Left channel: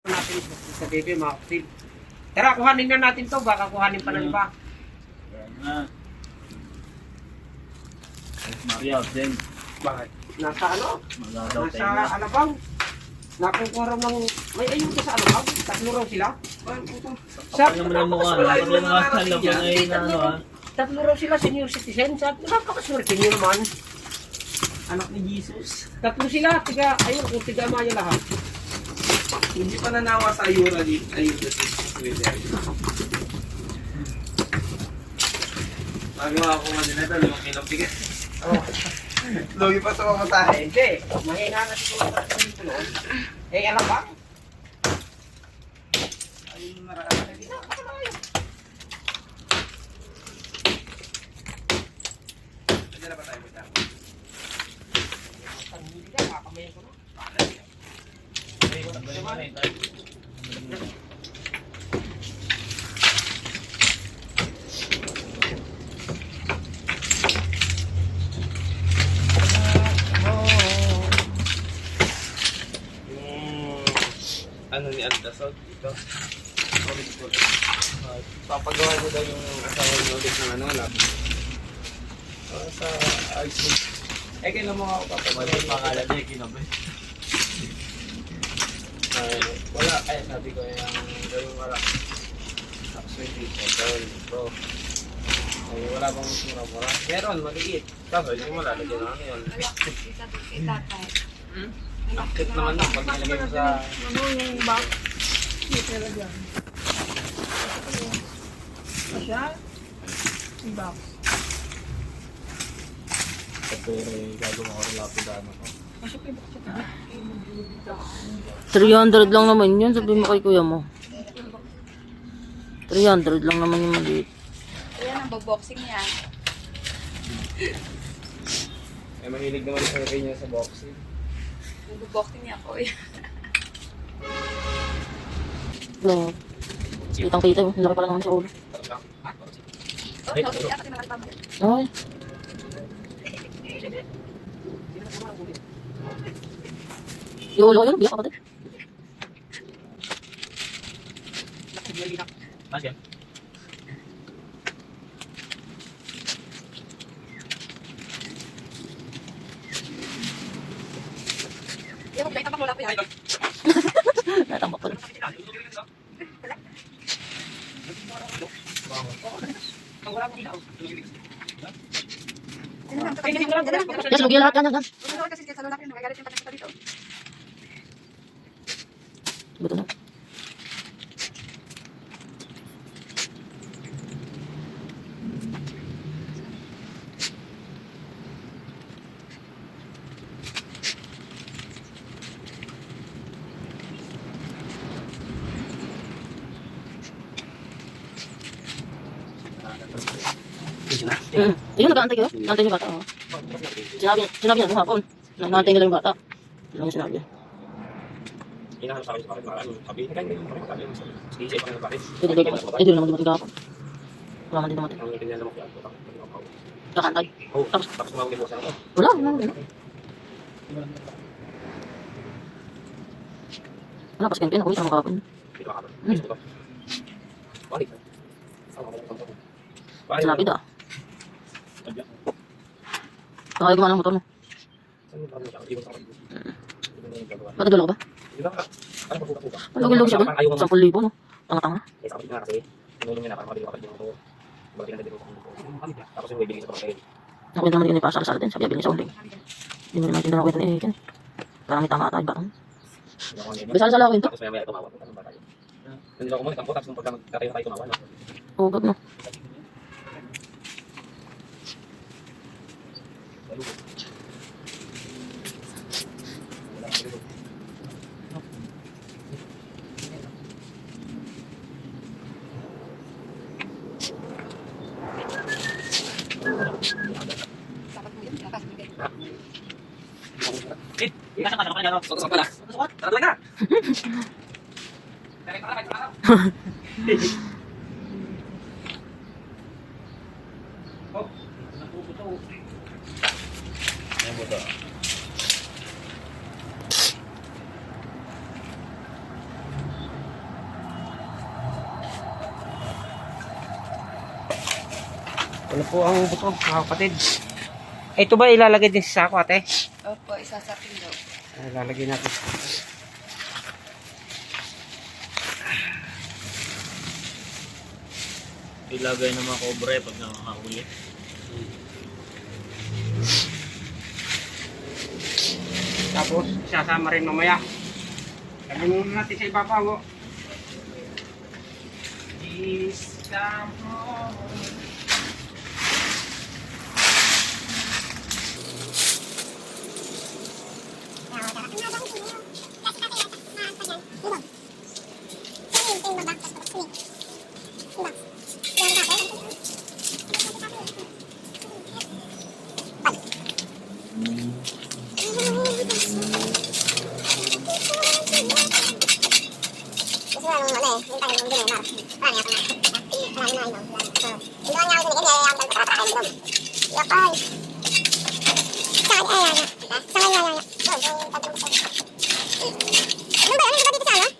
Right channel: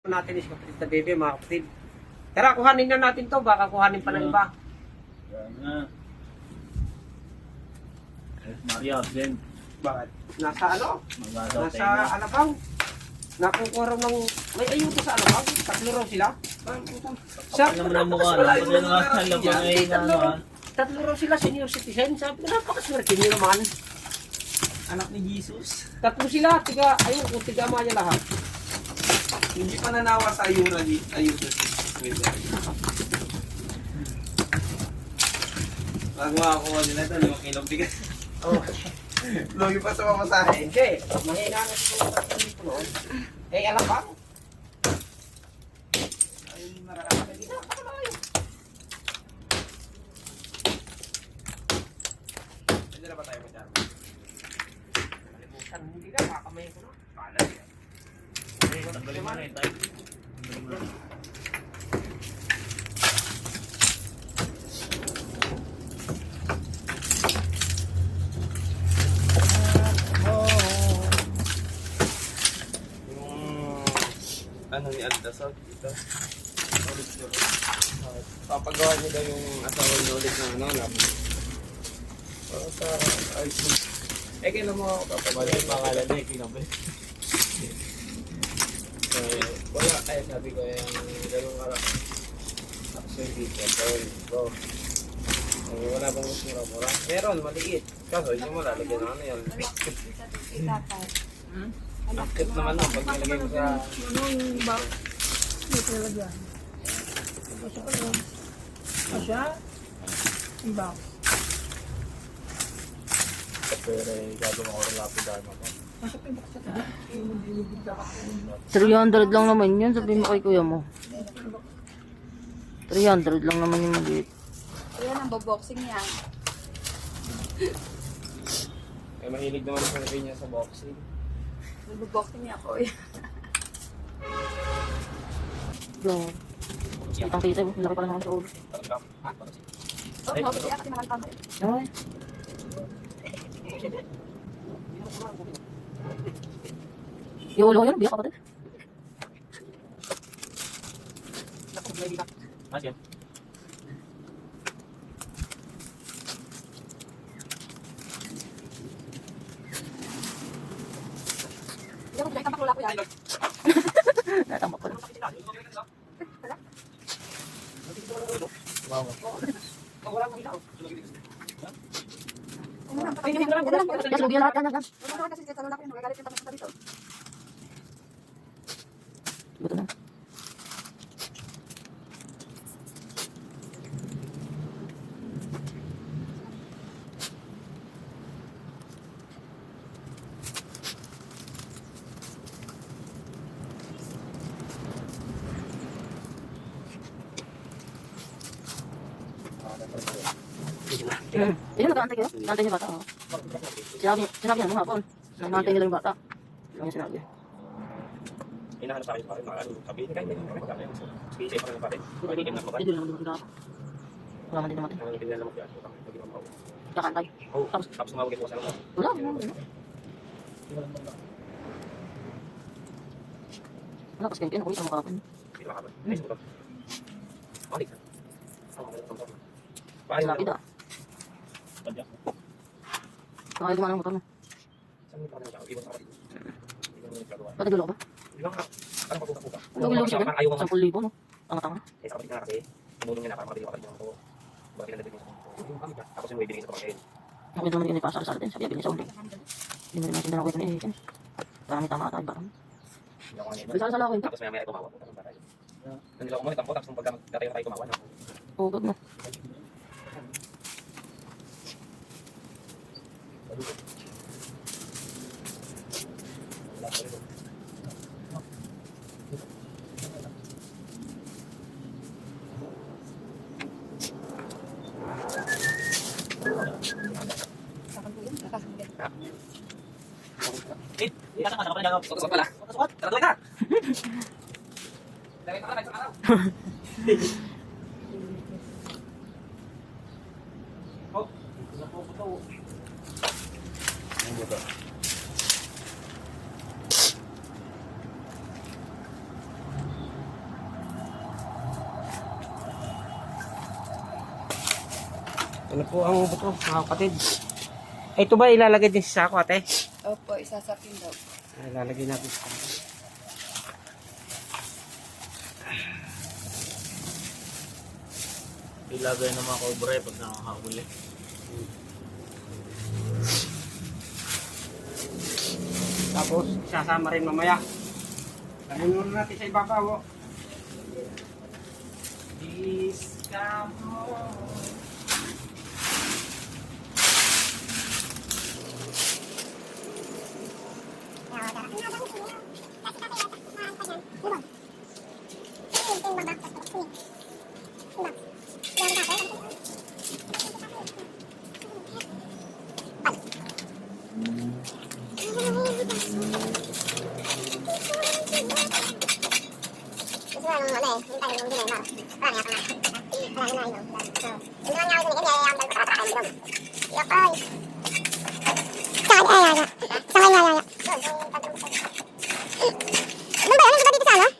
natin is sa bebe mga kapatid. Tara, kuhanin na natin to. Baka kuhanin pa ng iba. Ayan na. Ay, Maria, Jen. Bakit? Nasa ano? Nasa. Alabang. Nakukuha raw ng... May ayuda sa Alabang. Tatlo raw sila. Kapal naman ang mukha. ay Eh, na tatlo ano raw- ah. Tatlo raw sila senior citizen. Sabi ko, napakaswerte niyo naman. Anak ni Jesus. Tatlo sila. Tiga, ayun, kung tiga maya lahat. Hindi pa nanawa sa ayura di ayura si Pwede. Bago ako din na ito, limang kilong bigas. Oh. Logi pa sa mamatahe. Hindi. Mahina na siguro sa noon. Eh, Alabang. Ayun naraan. Pwede na ba tayo magdamo? Hindi ka, kakamayin ko na. Tanggalin mo na yun, tayo. Tanggalin mo na. Yung ano ni Aldasol dito. Solid gold. Uh, papagawa mo daw yung asawa niyo ulit ng ano lab. Uh, sa ice Eh, kailan mo ako papagawa? yung pangalan niya, kinabi. Uh, ay sabi ko yung gawin wala. Tapos yung dito, gawin bro. Ay, wala bang mura mo lang? Meron, maliit. Kaso, hindi mo lalagyan ng ano yun. Active naman nun pag nilagay mo sa... Pero eh, gagawin ako rin lapid dama ko. 300 lang naman yun, sabi mo kay kuya mo. 300 lang naman yung maliit. Ayan ang boboxing niya. May mahilig naman sa niya sa boxing. Boboxing niya ako. Lang. Kitang kita laki pala naman sa ulo. Ay, Ulo ko yun, biyak ako din. Nasyan? Yan. Natambak pala. Yes, lugi lahat yan, yan, yan. Kasi sa lalaki, nakagalit yung tanong dito. Buto na. Mm. Ayun, nag-aantay kayo. Nag-aantay niyo bata. Oh. Sinabi, sinabi niya nung hapon. Nag-aantay nila yung bata. Ano yung sinabi? Inahanap sa akin sa akin, ano, sabi, ganyan mo sabi. Sige, isip ko na. Hindi, hindi, hindi, hindi naman dumating kahapon. Wala man din dumating. Ang hindi na mo kaya ako. Hindi ako. Nag-aantay. Oh, tapos tapos tumawag ko sa ako. Wala, wala, wala. Wala, pas kaya ako isang. Hindi. Hmm. Ba? Balik. Malapit ah. Tadya. Baka gumana ang motor mo. Saan gano'n. Patagalo ka ba? Ano pagkuka ko ba? Siya? Sampul libo no? Tanga-tanga. Ito. Ako. Ako naman din para sa din. Sabi niya sa uling. Hindi mo naman tinanong kwento ni Eken. Parang may tama ata. Bakang. Bisa sa lawin to. Tapos maya maya tumawa. Ba tayo? Doon nila kumalit ang tapos nung pagkatayo tayo tumawa. no? Ugag no. Eh, ikasang ka na kapag ano? Suot pala. Suot? Tara tuloy na! Yan po to. Ano po ang buto, mga kapatid? Eh, Ito ba ilalagay din sa sako, ate? Opo, isasapin daw. Ay, Ilalagay natin sa sako. Ilagay ng mga cobra eh pag nakakahuli. Tapos, sasama rin mamaya. Sabi muna natin sa ibabaw. Ay. saya, saya, saya, saya, saya, saya, saya, saya, saya, saya,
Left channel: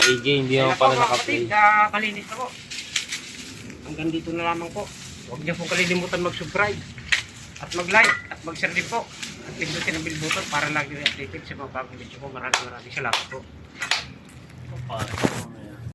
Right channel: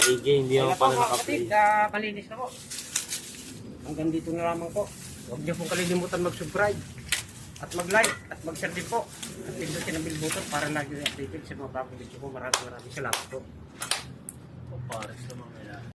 AJ, hindi Kaya naman na po pala mga kapatid, ah, kalinis na po. Hanggang dito na lamang po. Huwag niyo pong kalilimutan mag-subscribe at mag-like at mag-share din po. At pindutin ang bell button para lagi updated sa mga bagong video ko. Maraming maraming salamat po. Pare ko.